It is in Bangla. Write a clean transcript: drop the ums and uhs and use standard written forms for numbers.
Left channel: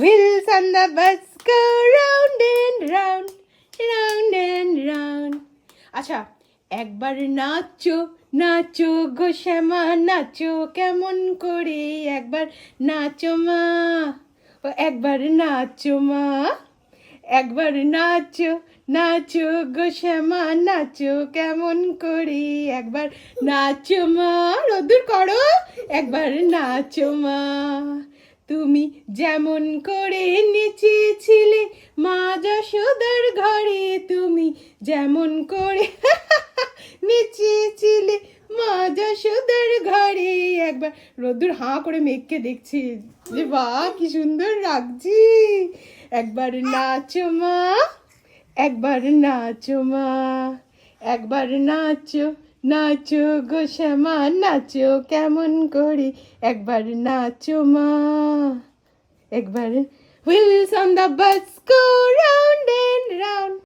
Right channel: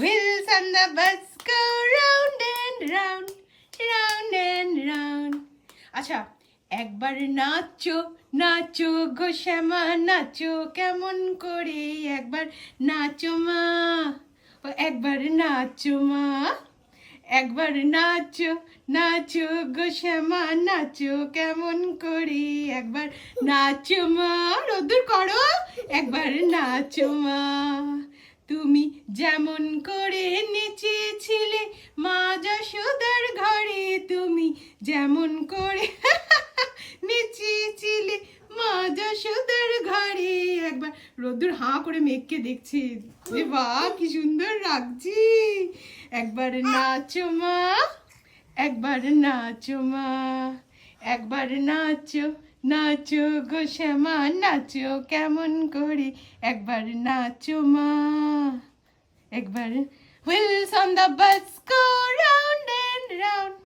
wheels on the bus go round and round, round and round. আচ্ছা, একবার নাচো নাচো গো শ্যামা, নাচো কেমন করে, একবার নাচো মা, ও একবার নাচো মা, একবার নাচো নাচো গো শ্যামা, নাচো কেমন করে, একবার নাচো মা, রোদুর করো, একবার নাচো মা। তুমি যেমন করে নেচেছিলে মা যশোদার ঘরে, তুমি যেমন করে নেচেছিলে মা যশোদার ঘরে, একবার রোদুর হাঁ করে মেঘকে দেখছি, যে বাহ কি সুন্দর লাগছি, একবার নাচো মা, একবার নাচো মা, একবার নাচো নাচো গো শ্যামা, নাচো কেমন করে, একবার নাচো মা, একবার wheels on the bus